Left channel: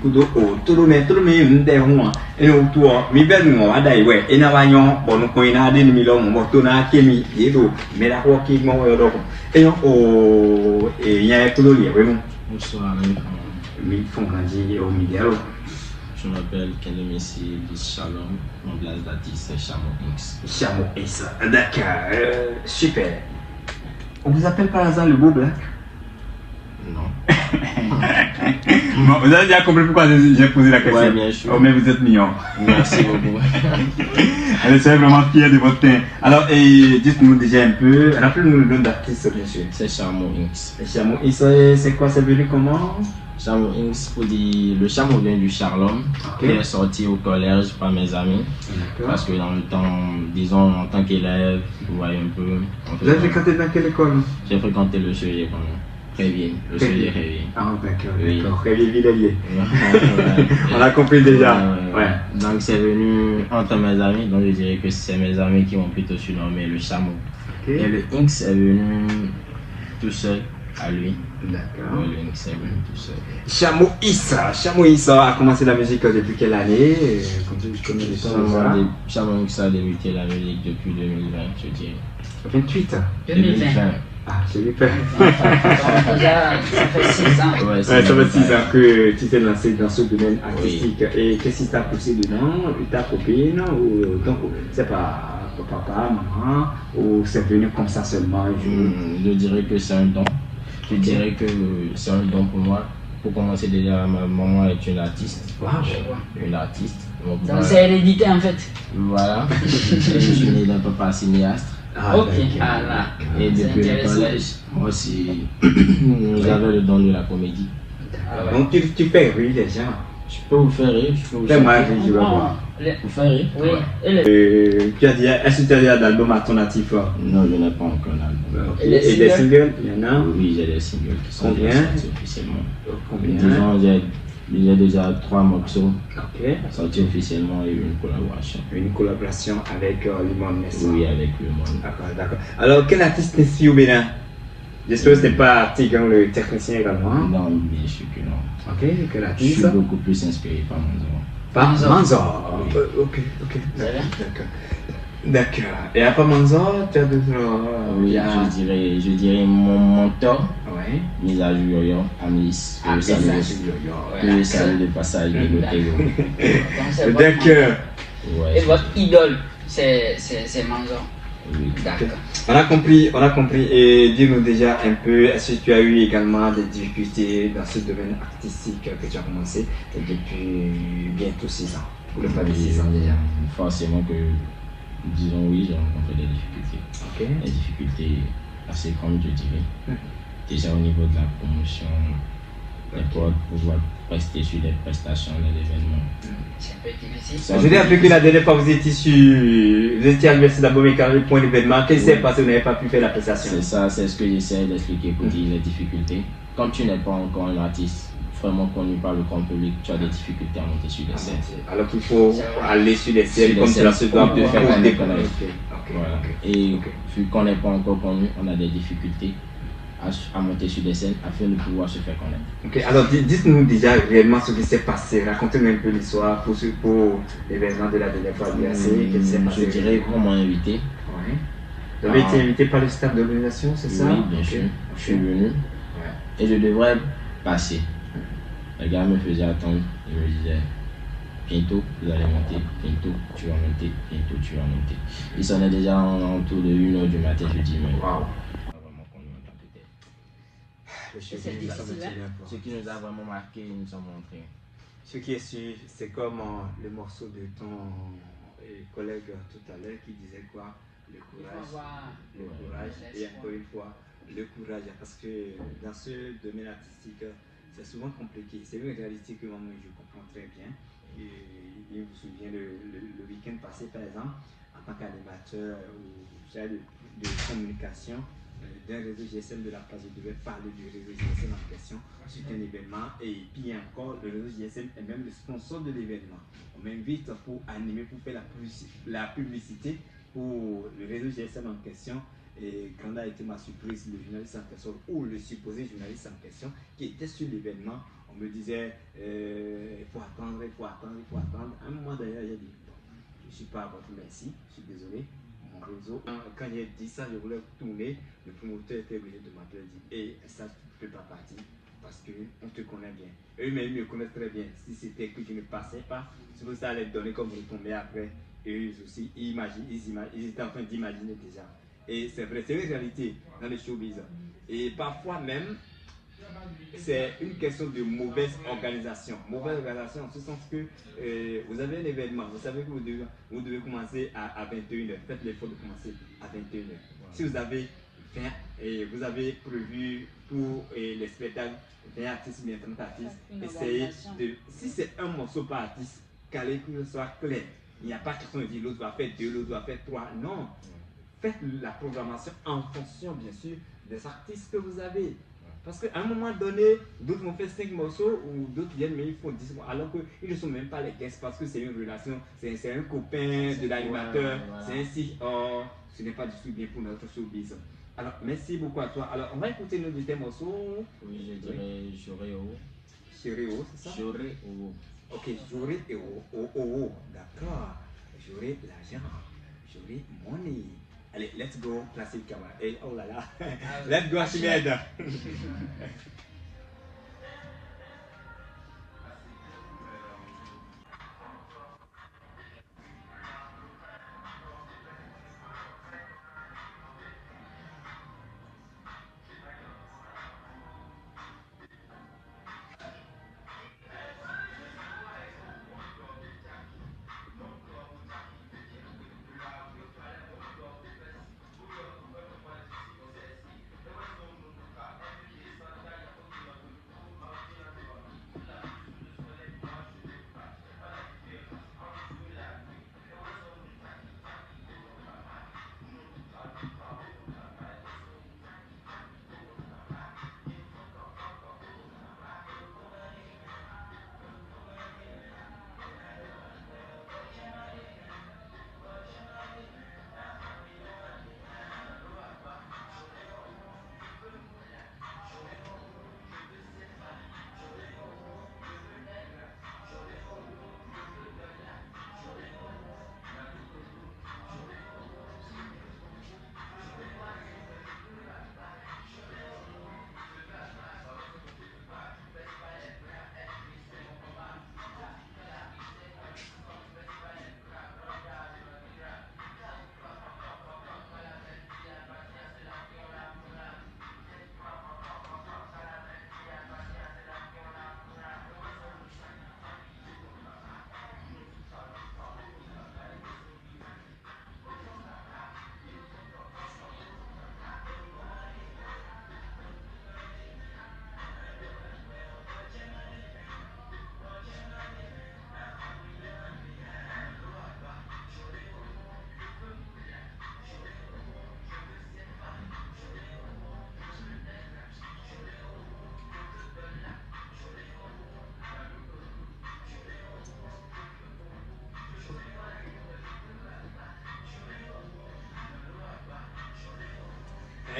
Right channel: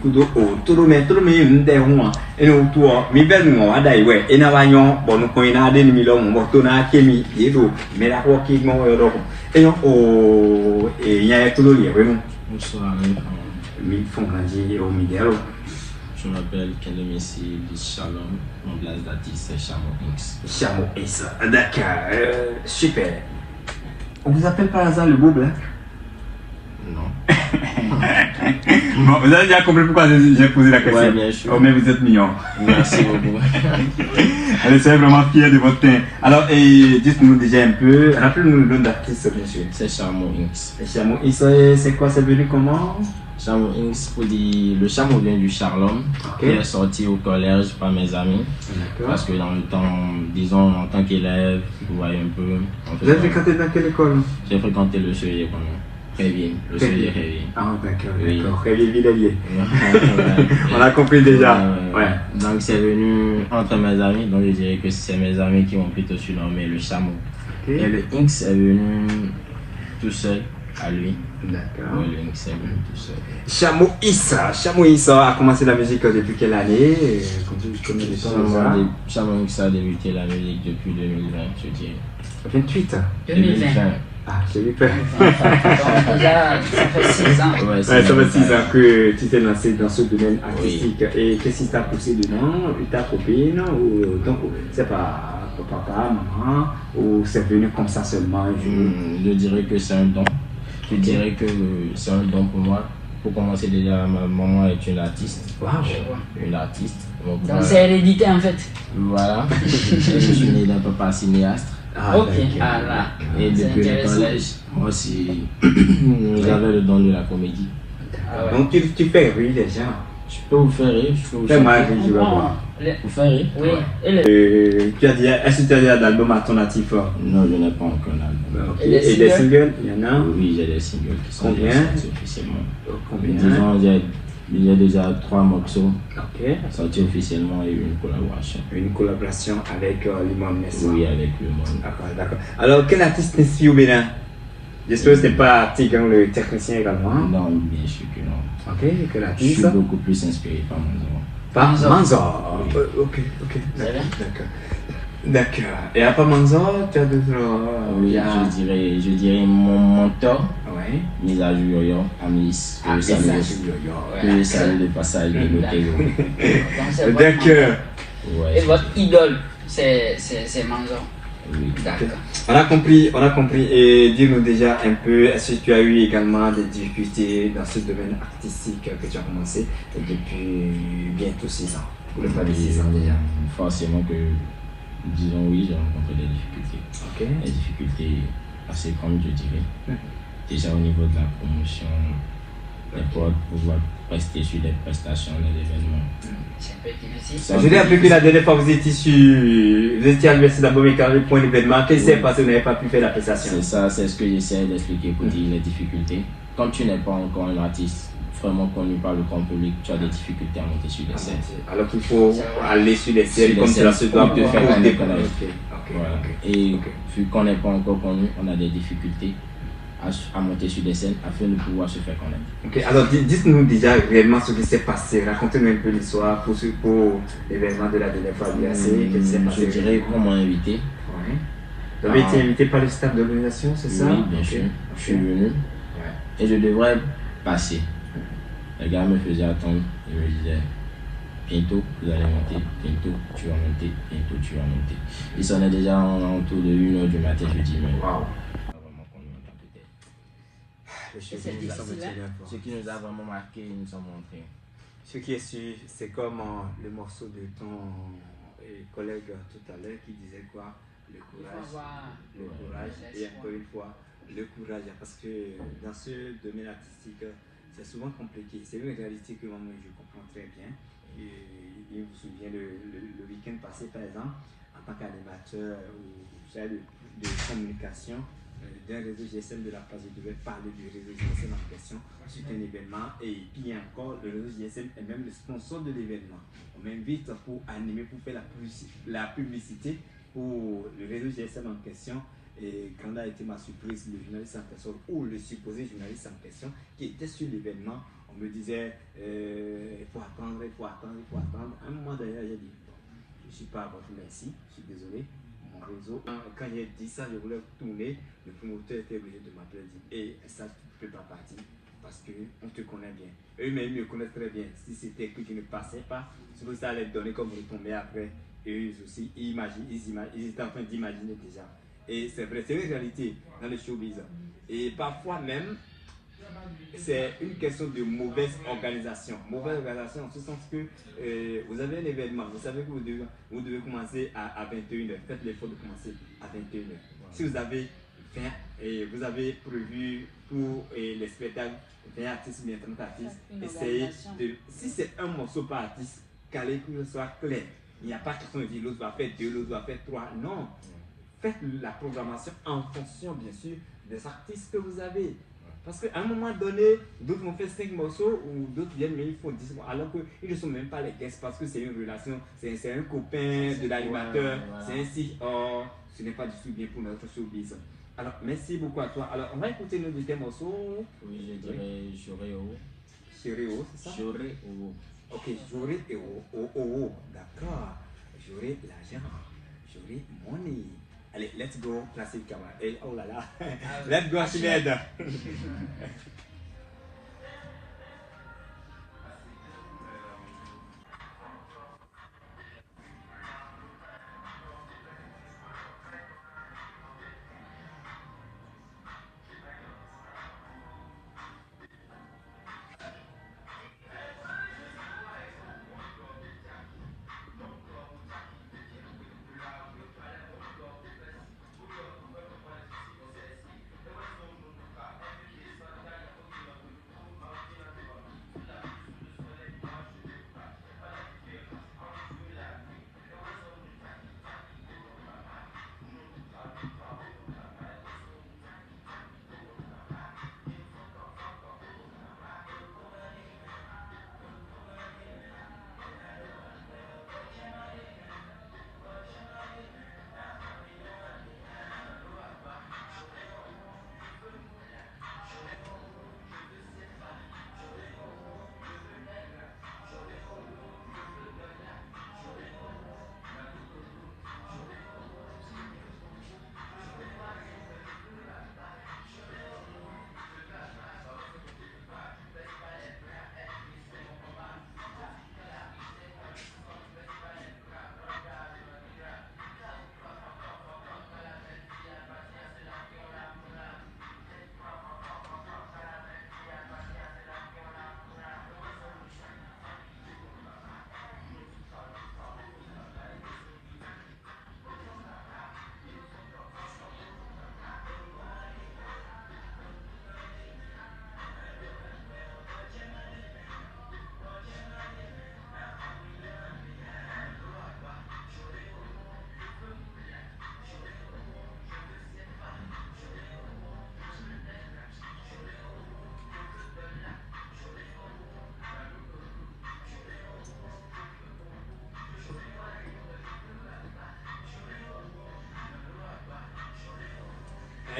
kudo o todo me nde ho e o to mi be no adai we e na ba nyon bo no ko ina de mi lo mo to na ke mi e do me la ho ki mo yo e yo o e nya to lo le we mo Bonsoir. mi font grandir au Midero. Je m'appelle Kelemessi Shalom, mon blase d'artiste c'est Chamo X. Chamo X, d'accord, super. On vous appelle par hasard le beau black? Non. Bon, vous avez déjà compris pourquoi j'ai posé la question. Ouais, bien sûr. Oh, mais vous êtes mignon. Merci beaucoup. Allez, soyez vraiment fiers de votre teint. Alors, dites-nous déjà un peu, rappelez-nous le nom d'artiste, bien sûr. C'est Chamo X. Chamo X, c'est quoi, c'est venu comment? Chamo X, pour dire, le chameau vient du Charlum, qui est sorti au collège par mes amis. Parce que dans le temps, disons, en tant qu'élève, vous voyez un peu. Vous avez fréquenté dans quelle école? J'ai fréquenté le Chevalier Révier. Le Chevalier Révier. Ah, d'accord, Oui. d'accord. Révier Villelier. On a compris déjà. Ouais. Donc c'est venu entre mes amis, donc je dirais que c'est mes amis qui m'ont plutôt surnommé le chameau. Et le X est venu tout seul à lui. D'accord. Le X est venu tout seul. Chamo Issa a commencé la musique depuis quelle année? Combien de temps ça? Chamo X a débuté la musique depuis 2020, je dirais. 28 ans. 2020. Ah, j'ai vu que... Déjà, ça fait 6 ans. Ouais, ça fait 6 ans que tu t'es lancé dans ce domaine artistique. Et qu'est-ce qui t'a poussé dedans? Ta copine? Ou donc, c'est pas papa, maman? Ou c'est venu comme ça seulement un jour? Je dirais que c'est un don. Je dirais que c'est un don pour moi. Pour commencer déjà, ma maman est une artiste. Wow. Une artiste. Donc c'est hérédité en fait. Voilà. Et je suis né d'un papa cinéaste. Ah, Ok, voilà. Et depuis le collège, moi aussi, j'avais le don de la comédie. Donc tu fais rire les gens. Je peux vous faire rire, je peux vous Fais-moi rire, je vais voir. Vous faire rire? Oui. Tu as dit, est-ce que tu as déjà d'album alternatif? Non, je n'ai pas encore d'album. Ok. Et des singles, il y en a? Oui, j'ai des singles qui sont Combien? déjà sortis officiellement. Combien? Disons, il y a déjà 3 morceaux Ok. sortis officiellement et une collaboration. Une collaboration avec Limon Nessa. Oui, avec le monde. D'accord, d'accord. Alors, quel artiste t'inspire au Bénin? J'espère que ce n'est pas Artig, hein, le technicien également. Non, bien sûr que non. Ok, quel Je suis artiste? beaucoup plus inspiré par mon nom. Par Manzor. Ok, ok, d'accord. D'accord. Et à part Manzor, tu as d'autres. Oui, je dirais mon mentor, Ouais. Misa Yoyo, Amis. Ah, Que je salue de passage de l'hôtel. D'accord. Et votre idole, c'est Manzor. Oui. D'accord. On a compris. Et dis-nous déjà un peu, est-ce que tu as eu également des difficultés dans ce domaine artistique que tu as commencé depuis bientôt 6 ans? Pour le pas de 6 ans déjà. Forcément que, disons oui, j'ai rencontré des difficultés. Ok. Des difficultés assez grandes, je dirais. Déjà au niveau de la promotion, pour pouvoir rester sur des prestations dans l'événement. C'est un peu difficile. Je dis un peu que la dernière fois vous étiez à l'université d'Abomey-Carré pour un événement. Qu'est-ce qui s'est passé? Vous n'avez pas pu faire la prestation? C'est ça, c'est ce que j'essaie d'expliquer pour dire les difficultés. Quand tu n'es pas encore un artiste vraiment connu par le grand public, tu as des difficultés à monter sur les scènes. Alors qu'il faut aller sur les scènes comme cela se doit pour te faire découvrir. Et vu qu'on n'est pas encore connu, on a des difficultés à monter sur des scènes afin de pouvoir se faire connaître. Ok, alors dites-nous déjà réellement ce qui s'est passé. Racontez-nous un peu l'histoire pour l'événement de la dernière fois du AC. Qu'est-ce qui s'est passé? Je dirais qu'on m'a invité. Oui. Vous avez été invité par le staff de l'organisation, c'est ça? Oui, bien sûr. Je suis venu. Et je devrais passer. Le gars me faisait attendre. Il me disait, bientôt vous allez monter, bientôt tu vas monter, bientôt tu vas monter. Il sonnait déjà autour de 1h du matin. Je dis, mais waouh. Ce qui nous a vraiment marqué, nous sommes montrés. Ce qui est sûr, c'est comme le morceau de ton collègue tout à l'heure qui disait quoi? Le courage et encore une fois, le courage. Parce que dans ce domaine artistique, c'est souvent compliqué. C'est une réalité que moi je comprends très bien. Et je me souviens le week-end passé, par exemple, en tant qu'animateur de communication d'un réseau GSM de la place, je devais parler du réseau GSM en question sur un événement. Et puis encore, le réseau GSM est même le sponsor de l'événement. On m'invite pour animer, pour faire la publicité pour le réseau GSM en question. Et quand a été ma surprise, le journaliste en question, ou le supposé journaliste en question, qui était sur l'événement, on me disait suis pas à votre merci, je suis désolé. Mon réseau, quand il a dit ça, je voulais tourner. Le promoteur était obligé de m'appeler et dire, et ça, tu ne peux pas partir parce qu'on te connaît bien. Eux-mêmes me connaissent très bien. Si c'était que je ne passais pas, c'est pour ça les donner comme retombées après. Eux aussi, ils étaient en train d'imaginer déjà. Et c'est vrai, c'est une réalité dans le showbiz. Et parfois même, c'est une question de mauvaise organisation. Mauvaise organisation en ce sens que vous avez un événement, vous savez que vous devez commencer à 21h. Faites l'effort de commencer à 21h. Si vous avez 20 et vous avez prévu pour les spectacles 20 artistes, bien 30 artistes, essayez de, si c'est un morceau par artiste, qu'allez que ce soit clair. Il n'y a pas question de dire l'autre va faire 2, l'autre va faire 3. Non. Faites la programmation en fonction, bien sûr, des artistes que vous avez. Parce qu'à un moment donné, d'autres vont faire 5 morceaux ou d'autres viennent, mais ils font 10 morceaux. Alors qu'ils ne sont même pas les guests parce que c'est une relation, c'est un copain de l'animateur, c'est ainsi. Oh, ce n'est pas du tout bien pour notre showbiz. Alors, merci beaucoup à toi. Alors, on va écouter nos deux morceaux. Oui, je dirais Joréo. Joréo, c'est ça? Joréo. Ok, Joréo. D'accord. J'aurai l'argent. J'aurai money. Allez, let's go, classique camarade. Et oh là là, let's go, Sinéad.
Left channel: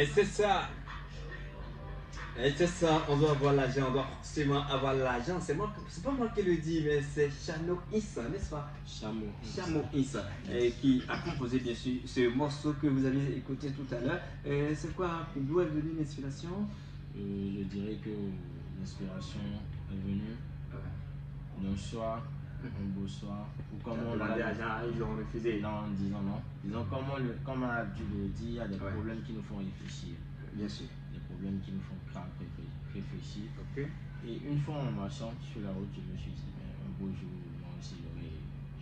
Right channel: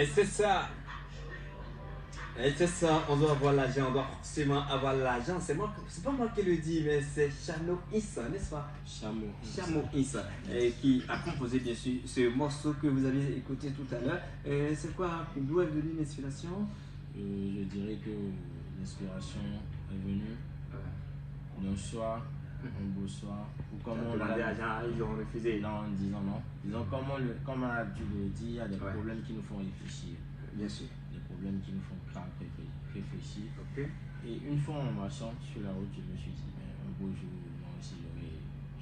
Et c'est ça. Et c'est ça, on doit avoir l'argent, on doit forcément avoir l'argent. C'est pas moi qui le dis, mais c'est Chano Issa, n'est-ce pas? Chano Issa, qui a composé bien sûr ce morceau que vous avez écouté tout à l'heure. C'est quoi, d'où est venue l'inspiration? Je dirais que l'inspiration est venue d'un soir, un beau soir, ou comme on l'a dit, ils ont refusé. Non, en disant non. Disons, comme on a dû le dire, il y a des problèmes qui nous font réfléchir. Bien sûr. Des problèmes qui nous font réfléchir. Okay. Et une fois en marchant sur la route, je me suis dit, un beau jour, moi aussi,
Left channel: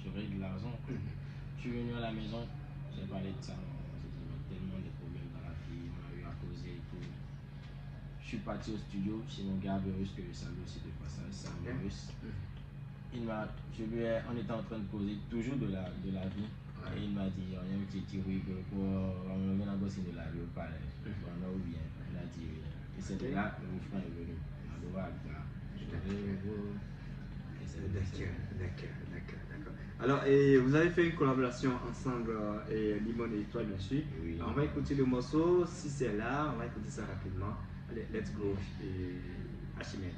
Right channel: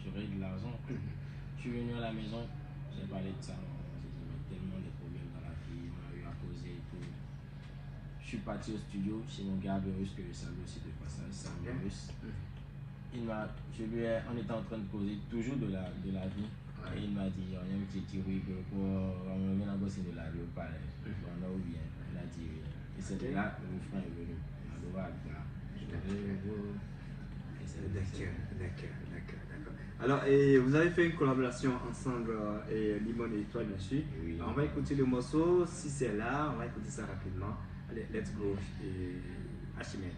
j'aurai de l'argent. Je suis venu à la maison, j'ai parlé de ça. J'ai dit, mais tellement de problèmes dans la vie, on a eu à causer et tout. Je suis parti au studio chez mon gars Berus, que je salue aussi de passage, Sam Berus. On était en train de causer toujours de la vie. Et il m'a dit, on a dit oui, pour on a bossé de la vie au palais. On a oublié, il a dit oui. Et c'est de là que mon frère est venu. D'accord. Alors, vous avez fait une collaboration ensemble, Limon et toi, bien sûr. Oui. On va écouter le morceau. Si c'est là, on va écouter ça rapidement. Allez, let's go. Achimène.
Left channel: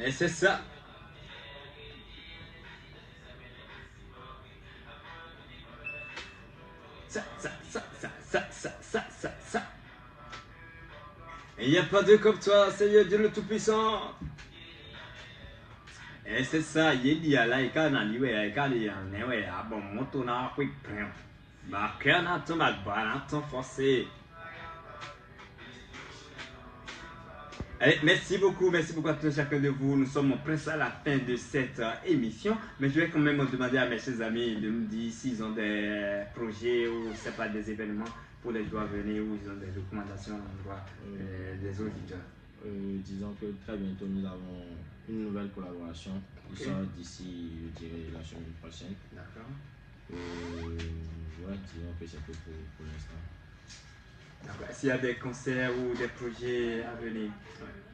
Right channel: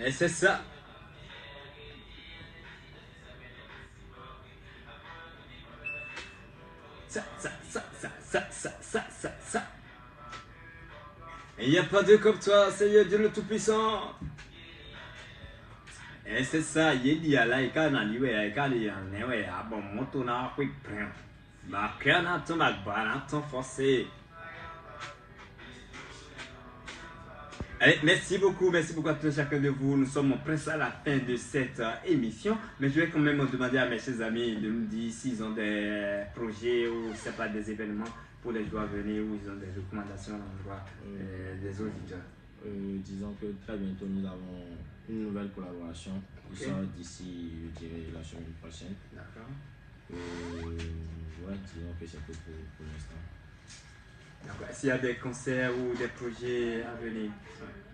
Et c'est ça. Ça. Il n'y a pas de comme toi, Seigneur Dieu le Tout-Puissant. Et c'est ça, il dit à la ikana liwe la ikana newe abon moto na quick prem. Ba kana to la bana ton forcé. Allez, merci beaucoup à tous chacun de vous. Nous sommes presque à la fin de cette émission, mais je vais quand même demander à mes chers amis de me dire s'ils ont des projets ou c'est pas des événements pour les joueurs à venir ou ils ont des recommandations à l'endroit des auditeurs. Disons que très bientôt nous avons une nouvelle collaboration qui sort d'ici, je dirais, la semaine prochaine. D'accord. Disons que c'est tout pour l'instant. S'il y a des concerts ou des projets à venir?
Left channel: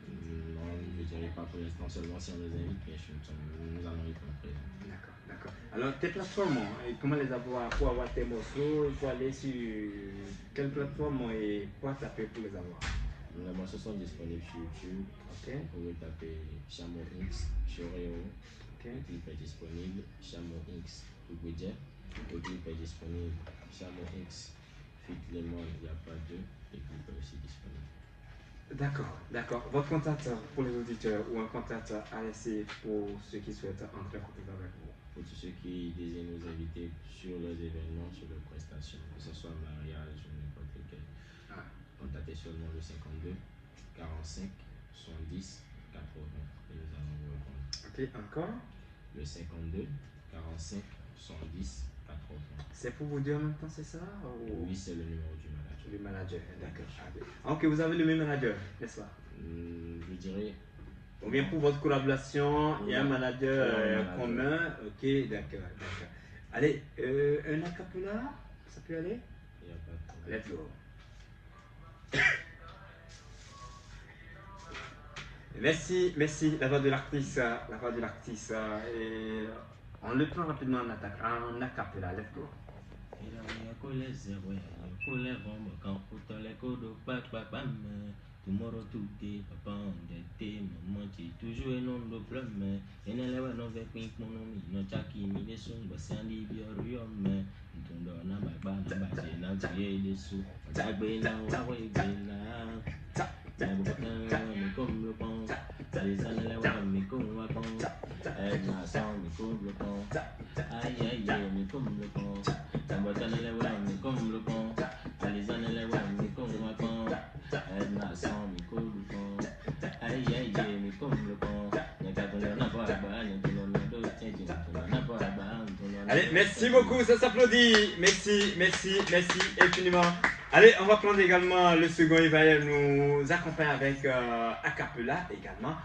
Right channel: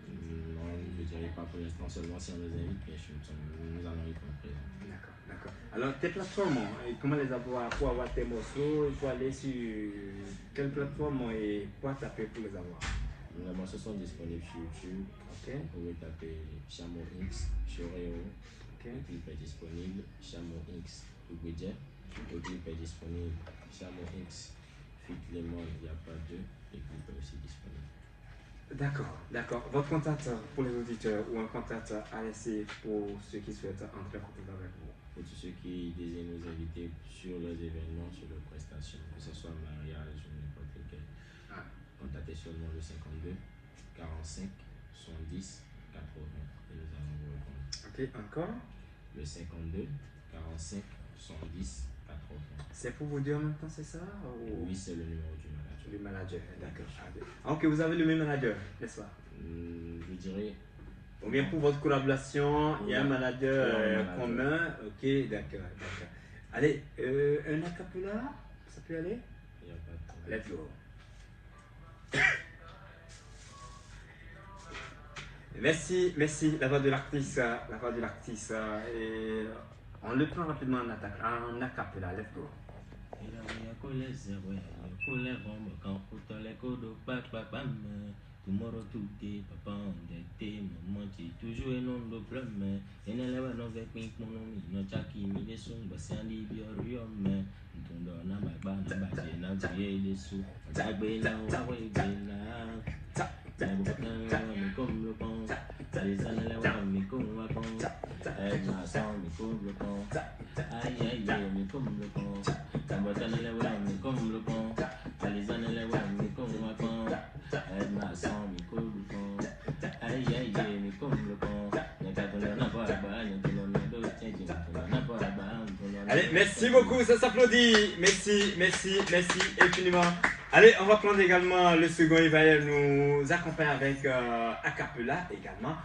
Non, je ne dirais pas pour l'instant, seulement si on les invite, nous allons y comprendre. D'accord. Alors, tes plateformes, comment les avoir pour avoir tes morceaux? Il faut aller sur quelle plateforme et quoi taper pour les avoir? Nos morceaux sont disponibles sur YouTube. Okay. Vous pouvez taper Chamo X sur Réo. Okay. Le clip est disponible. Chamo X Toubédia. Le clip est disponible. Chamo X Fit Lemon, il n'y a pas deux. Le clip est aussi disponible. D'accord. Votre contact pour les auditeurs ou un contact à laisser pour ceux qui souhaitent entrer en contact avec vous? Pour tous ceux qui désirent nous inviter sur les événements, sur les prestations, que ce soit mariage ou n'importe lequel, contactez seulement le 52 45 70 80 et nous allons vous répondre. Ok, encore? Le 52 45 70 80. C'est pour vous dire en même temps, c'est ça? Ou... Oui, c'est le numéro du manager. Du manager, d'accord. Ok, vous avez le même manager, n'est-ce pas? Je dirais. Ou bien pour votre collaboration, il y a un manager commun. Ok, d'accord. Allez, un acapella, ça peut aller? Il n'y a pas de problème. Let's go. Merci, la voix de l'artiste. Et on le prend rapidement en acapella, let's go. Tomorrow today, papa on the day, money toujours non le problème. Et ne leva non veut pink mon nom, ne chaki mi les sons, basandi biorium. Tundo na baba na base na tie les sous. Tagbe na wawe bela. Me comme le pont. Les années me comme le pont. Na sound me comme le pont. Aïe me comme le pont. Tambakana le wa me comme le pont. Les années le wa me comme le pont. Allez, merci beaucoup, ça s'applaudit. Merci infiniment. Allez, on va prendre également le second, il va nous accompagner avec a cappella également.